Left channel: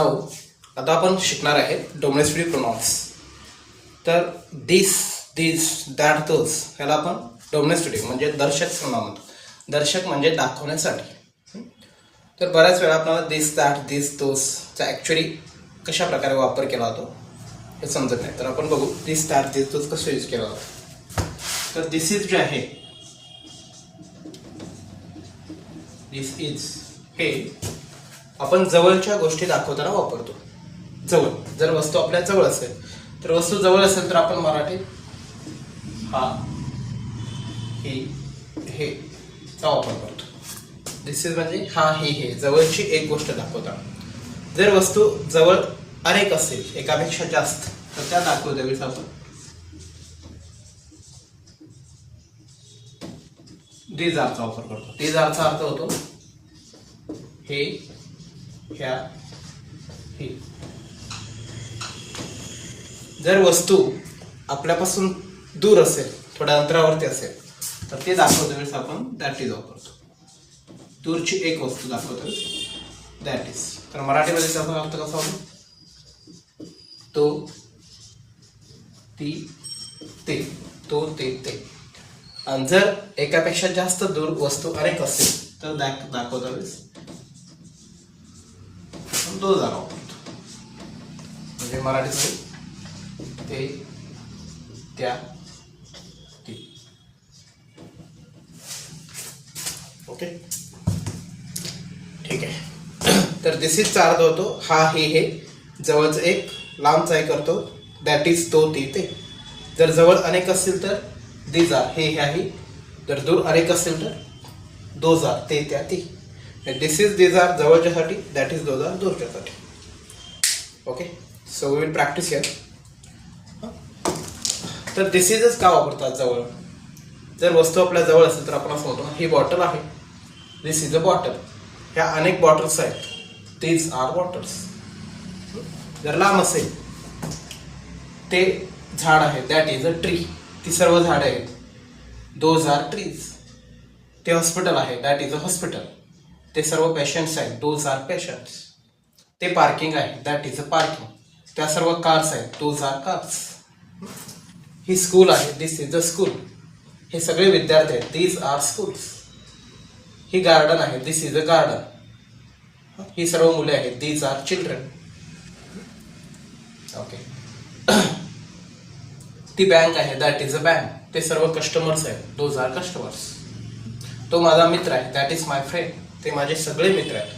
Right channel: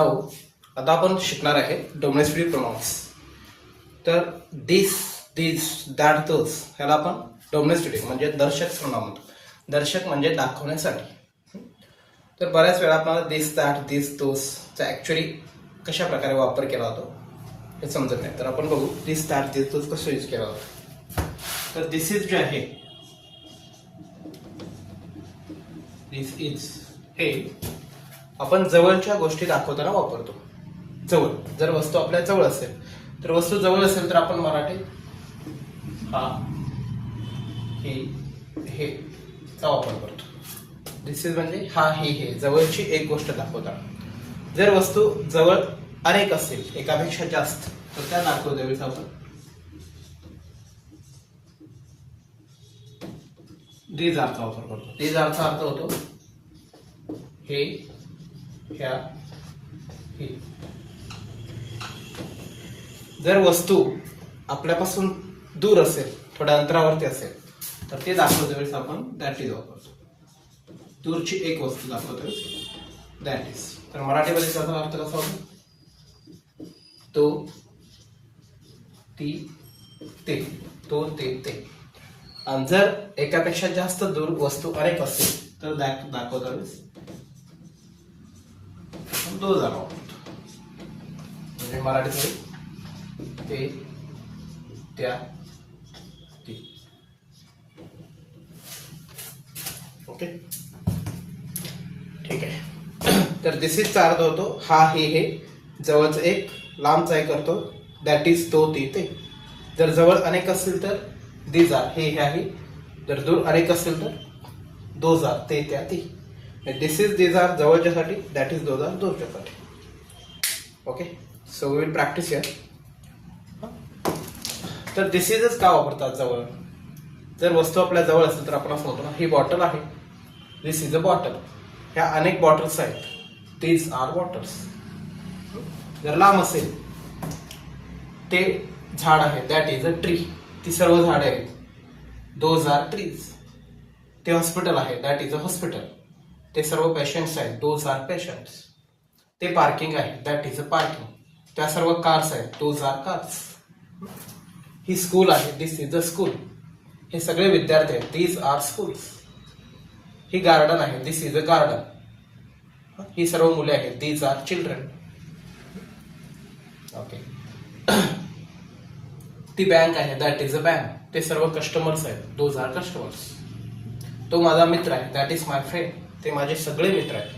Now आता आपण शिकणार आहे डोमेस्टिक प्रोनाउन्स. तर दिस, दिस, दॅट, दोज ह्याला आपण डोमेस्टिक म्हणजे दर्शक प्रोनाउन म्हणतो. दर्शक म्हणजे दाखवण्यासाठी. तर बऱ्याच वेळा आपल्याला दिस, दॅट, दिस, दोजचा ॲक्च्युली कशा प्रकारे वापर केला जातो हे समजत नाही. तर आपण बघू दिस, दॅट, दिस, दोज कसं यूज केला जातो. तर दिस इज जे आहे, दिस इज हे आपण जवळच्या गोष्टी दाखवताना वापरतो. जवळ, जर वस्तू आपल्या जवळ असेल तर वस्तू जवळ असेल तर आपण मराठीत हा, ही, हे चा वापर करतो. दिस इज म्हणजे हा, हे जवळची एक गोष्ट दाखवताना. जर वस्तू जवळ अनेक असेल, एकापेक्षा जास्त, तर त्या दाखवतेवेळेस आपण दीज आरचा वापर करतो. दीज आरचा अर्थ होतो हे, ह्या, ही. जर वस्तू आपल्यापासून दूर असेल, थोड्या अंतरावरती असेल, तर ते दाखवते वेळेस आपण दॅट इज वापरतो. दूरची एक वस्तू दाखवतो दॅट इज. तर मराठीमध्ये त्याचा अर्थ कसा होतो? तो, ती, ते. तो, ते. आणि जर एकापेक्षा जास्त दूर वस्तू अनेक असेल तर दाखवता वेळेस दो जागा वापरतो. म्हणजे मराठीत ते, त्या, ती. ओके, ठीक आहे. तर दिस इजचा अर्थ होतो हा, हे जवळचं एक, लांबचा एक करतो दॅट इज, तो, ते. जर जवळ अनेक असतील तर दीज आर, हे, ह्या, ही. जर दूर अनेक असेल तर दोज आर, ते, त्या, ती. दिस इज, दीज आर जवळच्यासाठी, दॅट इज, दोज आर दूरच्यासाठी. Okay, so we will practice here. तर दिस इजच का वापरतात जवळ? जर वस्तू आपल्या जवळ असेल तर आपण असं म्हणतो ही बॉटल आहे, दिस इज अ बॉटल. ह्या अनेक बॉटल्स आहेत, दीज आर बॉटल्स. जर लांब असेल, ते झाड आहे, दॅट इज अ ट्री. ती सर्व झाडे आहेत, दोज आर ट्रीज. ते हॉस्पिटल आहे, दॅट इज अ हॉस्पिटल. ते सर्व पेशंट्स आहेत, दोज आर पेशंट्स. ते पार्किंग आहे, दॅट इज अ पार्किंग. त्या सर्व कार्स आहेत, दोज आर कार्स. ही स्कूल आहे, दिस इज अ स्कूल. हे सगळे विद्यार्थी आहेत, दीज आर स्कूल्स. ही गार्डन आहे, दिस इज अ गार्डन. ही सर्व मुले आहेत, दीज आर चिल्ड्रन. ओके. ती बँक आहे, दॅट इज अ बँक. ते सर्व कस्टमर्स आहेत, दोज आर कस्टमर्स. तो माझा मित्र आहे, दॅट इज माय फ्रेंड. ते माझे सगळे मित्र आहेत,